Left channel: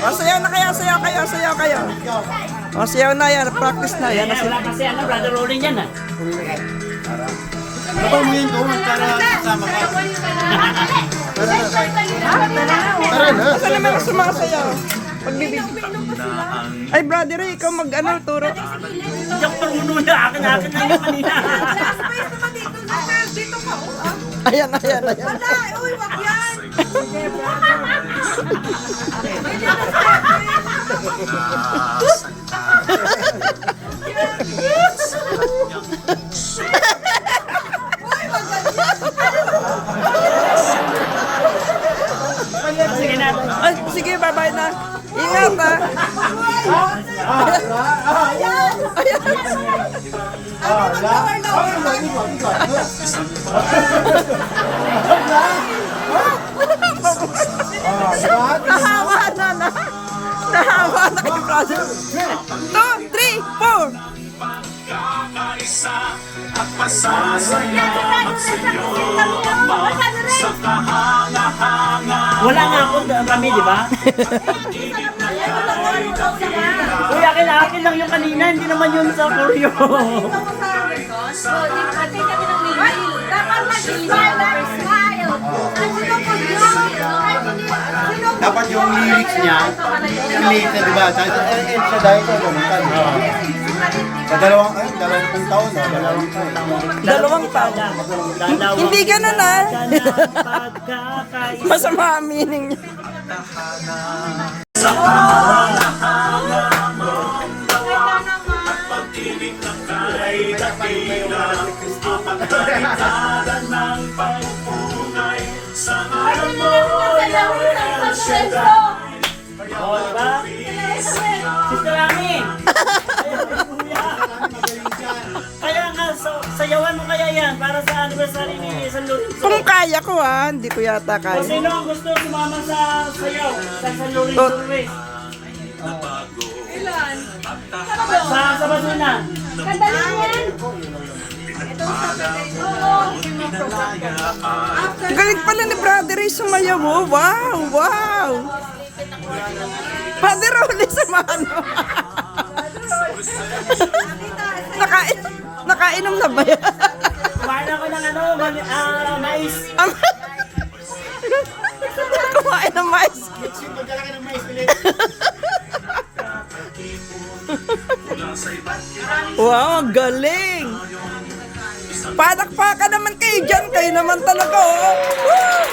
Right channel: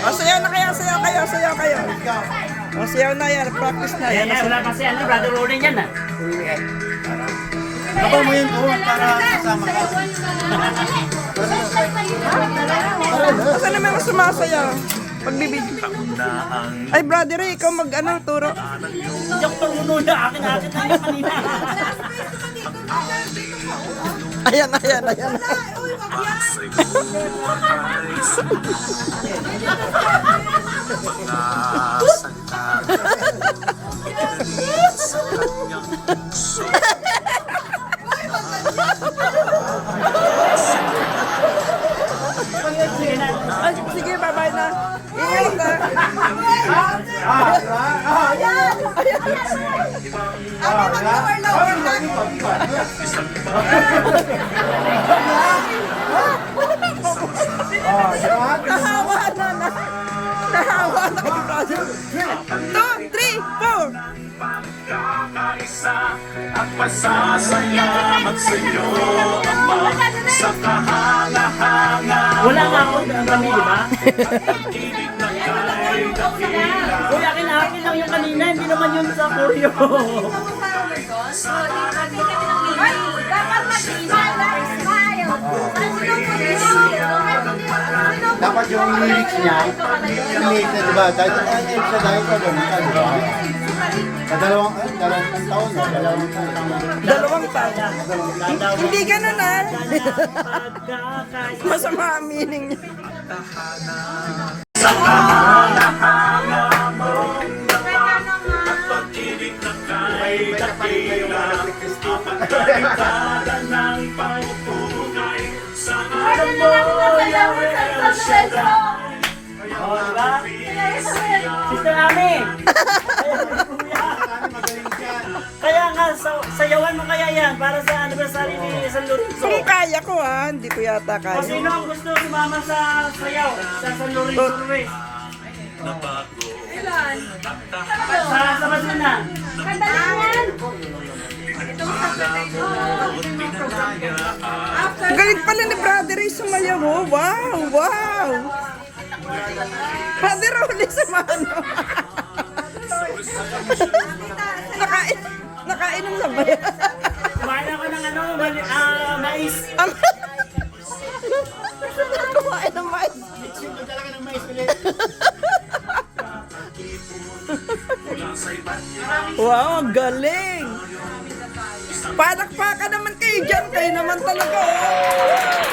O, sayaw na kayo, sayaw kayo, sayaw kayo. O, sayaw na yan, practice na yan. Wala kasi ano, brother Rolling yan ah. Kapag mo yun doon para kasama ka. Tara na. Saan naman ang sumasayaw? Pagbibig. Ay, brother, ikaw mag-ano, turo. Hindi ako paruno na, akin na yung kanina. Ayan, ayan, ayan. Uy, wag yan! Sige na. Ay, sige, bye-bye na. Ingat na. Ayan! Ayan. Ano mag-lower-lower lang? Nahawa na. Nahawa na kay brother. 2, 3, 4. Wala nga ako kami, di ba? Uy, akin lang yung kanina, hindi naman yun sa Koryo. Ay, dapat mag-smile, smile! Dapat yung lyrics niya, yung late na diba? Kahit end siya dahil ko kumanta, diba? Sa dalawang taon, no? Dalawang taon. Hindi ganun ah. Masama ang meaning niya. Oh, diba? Sister Ami! Kaya nga, sayawan mo kaya yan para sa anniversary ni San Lorenzo. Kung kaya ko ah, hindi ko yata O kaya. sino ang gusto sumama sa sayaw sa San Lorenzo Tot. Race? Ilan? Sa Basuna. Kandalan yan! Galing pala ni Brother Ray sumayaw mo. Wow, wow. Brother Rolly samahan mo. Nakainom na ba yan? Kumain ako ng ano, mais. Kumain ng mais. Wow, ang galing. Palakpakan naman kayo dyan. Kayo naman talaga, oh. Woo!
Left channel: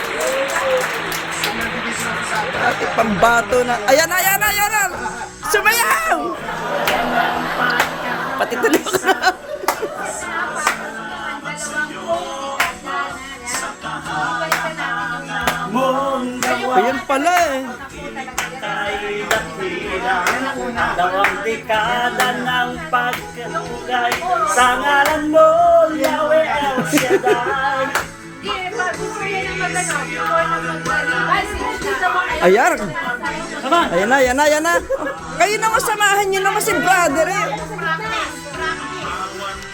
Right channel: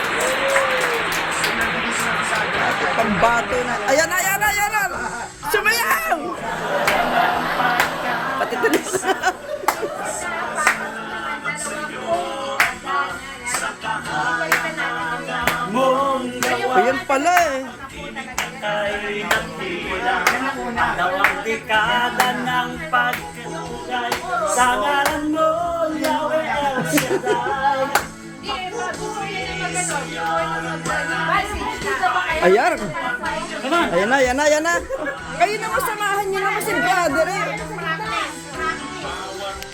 Bakit pambato na. Ayan, ayan, ayan. Sumayaw! Pati tuloy ko na. Ayan pala eh. Ay nakila, dalawang dekada ng pagkakugay sa ngalan mo, Yahweh El Shaddai. Ayan. Come on! Ayan na, ayan na, ayan na. Kayo naman samahan nyo naman si Brother eh.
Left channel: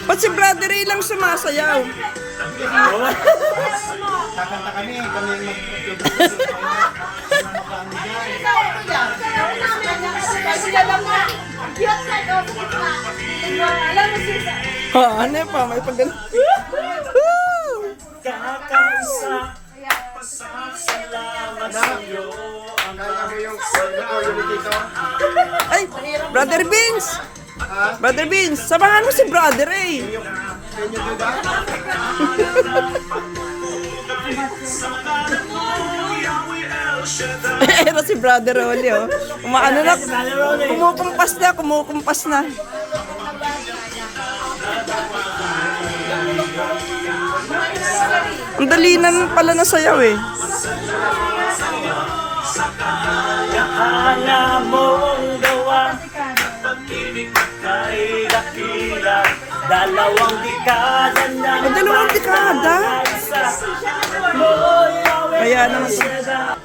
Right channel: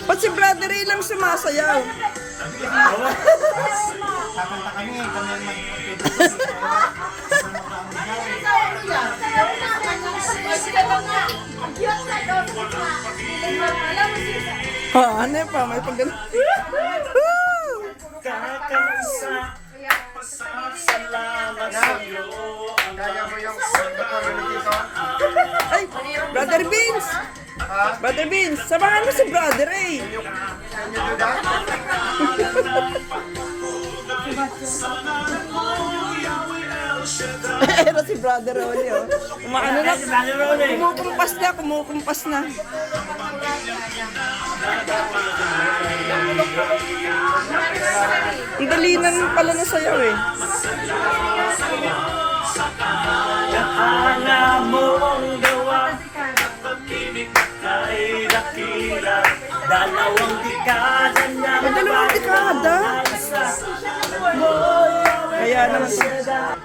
Ba't si Brother eh lang sumasayaw? Kakanta kami ang Ha, ano pa? May pag Kakaisa, salamat sa iyo. Kaya mo yung dito? Ay, Brother Beans! Brother Beans, samahan mo si Brother eh. Can you do that? Pero si Brother Rolly oh. Umaano na, Brother Rolly. kumukumpas na. Ang dali na pala na sayaw eh. Hanga mong gawa, kay dakila, dalawang dekada na. Dalawang dekada? Mo, Yahweh Kaya El naman. Shaddai.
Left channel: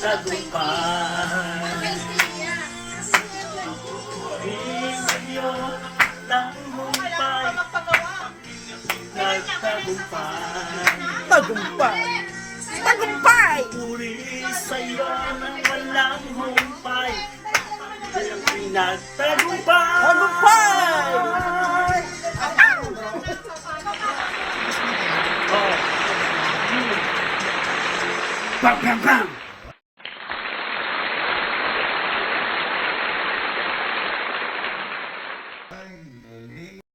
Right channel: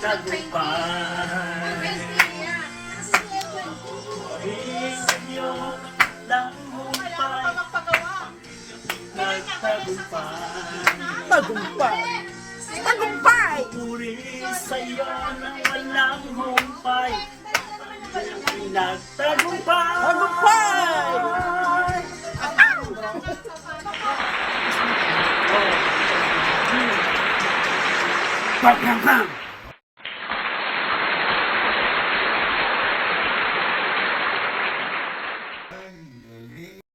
Tagumpay. Isa'yo lang humpay nagtagumpay. Tagumpay. Tagumpay. Puri sa'yo nang walang humpay. Walang pinagtagumpay. Tagumpay. Bang, bang, bang!